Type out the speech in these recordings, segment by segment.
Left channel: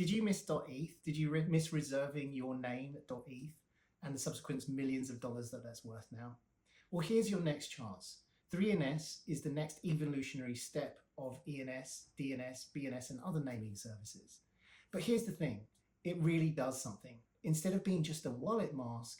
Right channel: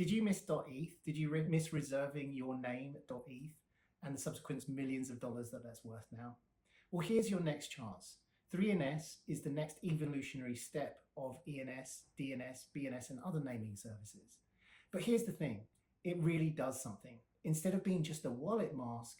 Did you miss .eth? Did you miss reserving your name .eth and the subsequent millions of dollars that's worth now? Well, here's your next chance. 3NS is the next evolutionary step of ENS, DNS, BNS, and other naming services. But here's the thing, it really does something. Instead of being just a wallet mask,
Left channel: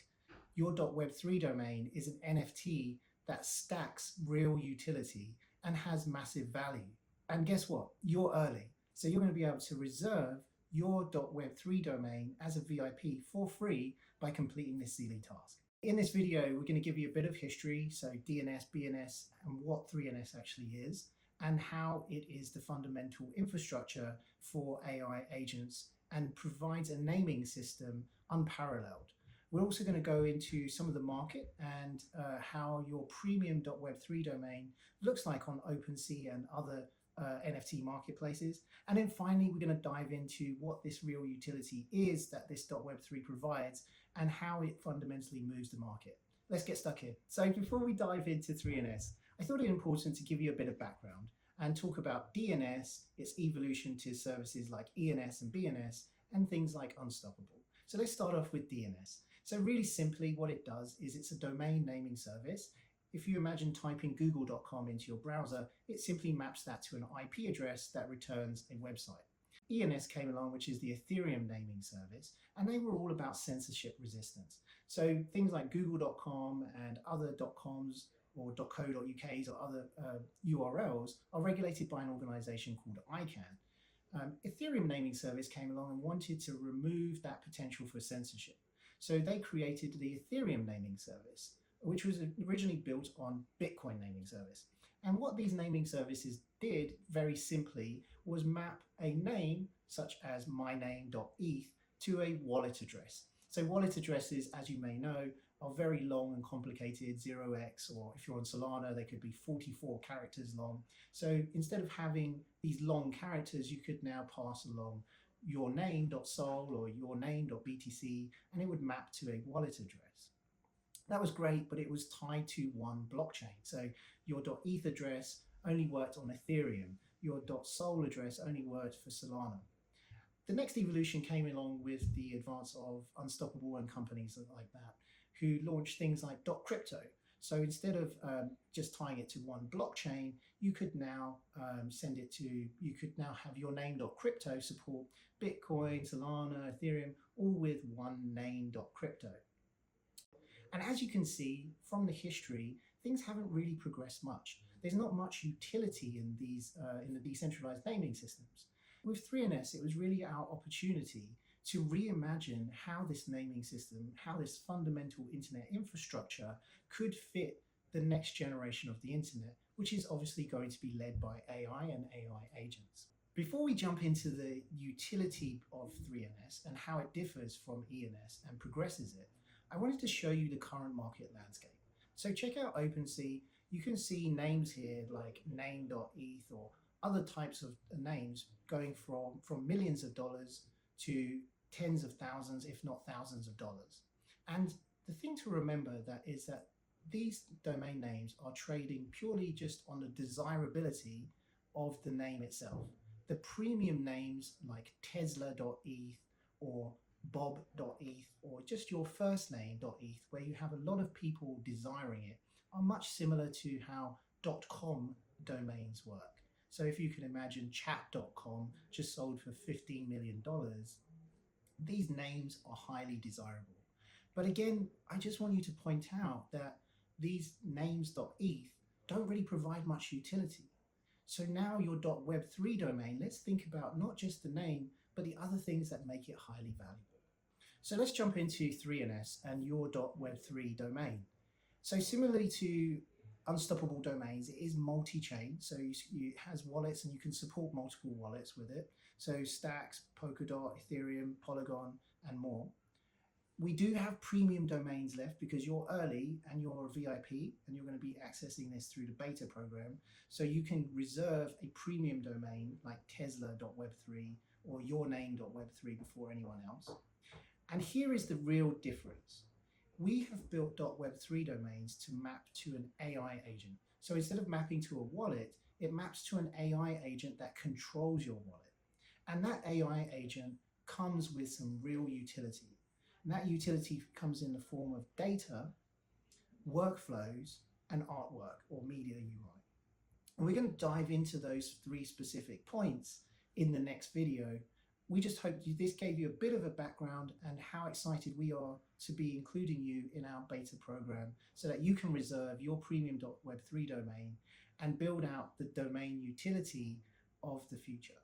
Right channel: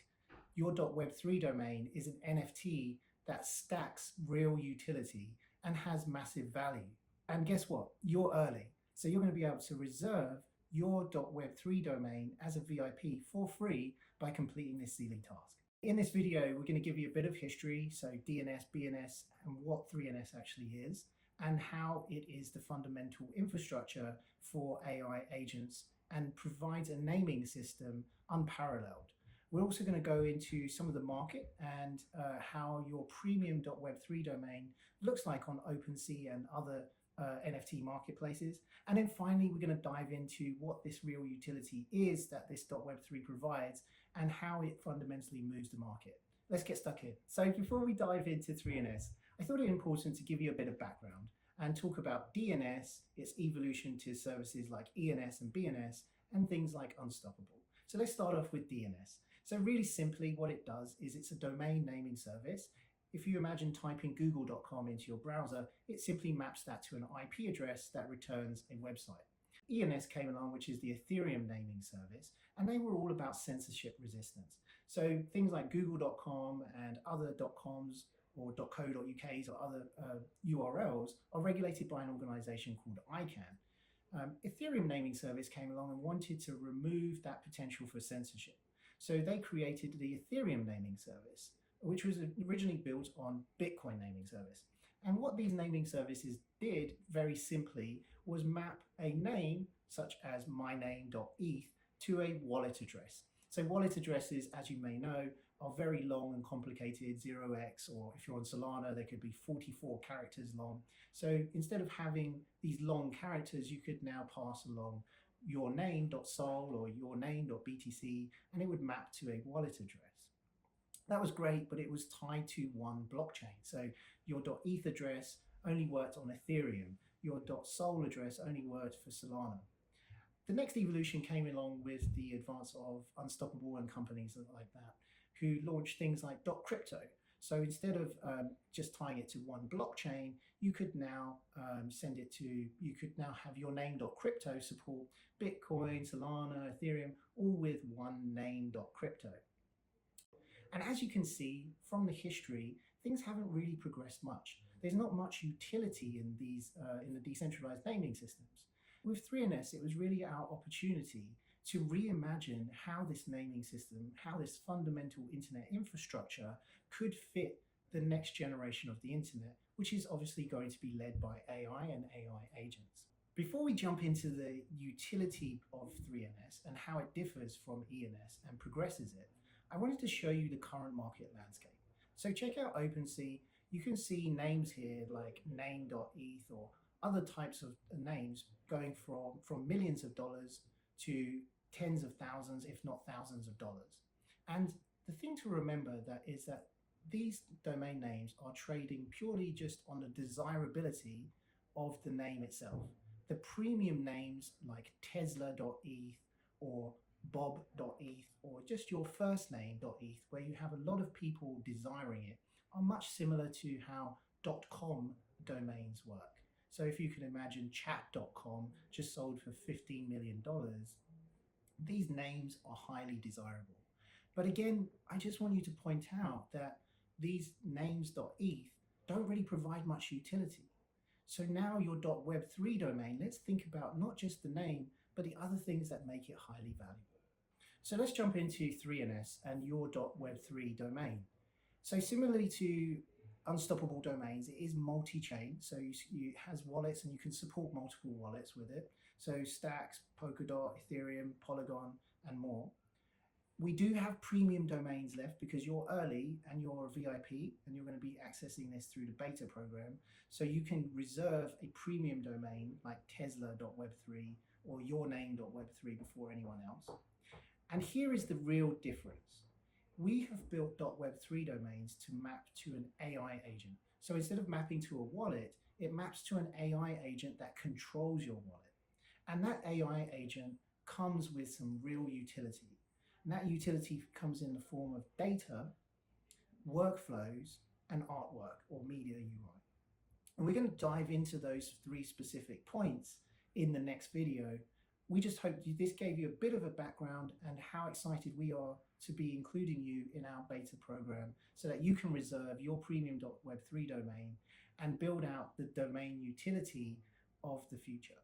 your .web3 domain is an NFT that stacks real utility and has massive value. And guess what? You're early. So you're going to be able to reserve your .web3 domain as a VIP for free by completing this silly task. In this video, we're going to give you a bit of history, so DNS, BNS, and what 3NS actually is, and how it is the fundamental infrastructure for AI agents and provides a naming system unparalleled. We're also going to go into some of the market and how your premium .web3 domain looks like on OpenSea and other NFT marketplaces. And then finally, we're going to dive into what this real utility is that this .web3 provides and how it fundamentally moves the market. Let's get stuck in. So before we dive into 3NS, I thought it important to give you a bit of background and talk about DNS, its evolution to services like ENS and BNS, and things like Unstoppable. So let's start off with DNS. So really simply, what it does is it's a domain naming service. If you imagine typing google.com into your browser, it simply maps that to an IP address that returns a website. ENS came along, which is the Ethereum naming service, and they were all about censorship resistance. So things like google.com and other .coms or .co.uk's or other URLs are regulated by an organization called ICANN. Ethereum naming service came along and wanted to remove that potential for censorship. So they created the Ethereum naming service, which was originally built on Bitcoin naming service. And what these naming services did very simply was map a name such as myname.eth to a wallet address. So wallet addresses, as you may know, are very long and complicated, 0x, or if you're on Solana, they could be 44 characters long. So instead of having these long characters, you could now pass along your name.sol or your name.btc, and it would map to a wallet address. That was great, but it was tied to one blockchain. So your .eth address only worked on Ethereum. Your .sol address only worked for Solana. The next evolution came along with the advance of Unstoppable and companies like that, who launched things like .crypto. So instead of just tying it to one blockchain, you could now you could now have your name.crypto support Bitcoin, Solana, Ethereum, all with one name.crypto. And as you can see from the history, things haven't really progressed much. There's not much utility in these in the decentralized naming systems. With 3NS, it was really our opportunity to reimagine how this naming system, how this fundamental internet infrastructure could fit the next generation of the internet, which is obviously going to be led by AI and AI agents. Before we jump into the utility of 3NS and how it differs from ENS and progresses it, I wanted to show you the current market landscape. So check out OpenSea. You can see names here like name.eth or other types of names going from millions of dollars to tens of thousands, if not thousands of dollars. And the thing to remember that is that these domain names are trading purely just on the desirability of the name itself. The premium names like Tesla.eth or Bob.eth or just your first name.eth, where you have a lot of people desiring it, are much similar to how .com domains work. So if you can imagine chat.com just sold for $15 million, these names are highly desirable. But again, I just want you to point out that these names.eth don't really provide much utility. So now your .web3 domain, let's think about not just the name, but the other things that make it highly valuable. So let's jump into 3NS and your .web3 domain. So similarly to Unstoppable Domains, it is multi-chain, so it has wallets and you can support multiple wallets with it. So Stacks, Polkadot, Ethereum, Polygon, and more. We do have premium domains left because you're early and you're a VIP and you're going to be accessing this through the beta program. So you can reserve a premium domain like Tesla.web3 or yourname.web3 before anyone else. And here is the real difference. We have built .web3 domains to map to an AI agent. So instead of mapping to a wallet, it maps to an AI agent that controls your wallet. And that AI agent comes with some real utility. And that utility comes in the form of data, workflows, and artwork or media UI. And we're going to dive into those 3 specific points in the next video. We just hope this gave you a bit of a background and how excited we are to be including you in our beta program so that you can reserve your premium Web3 domain and build out the domain utility of the future.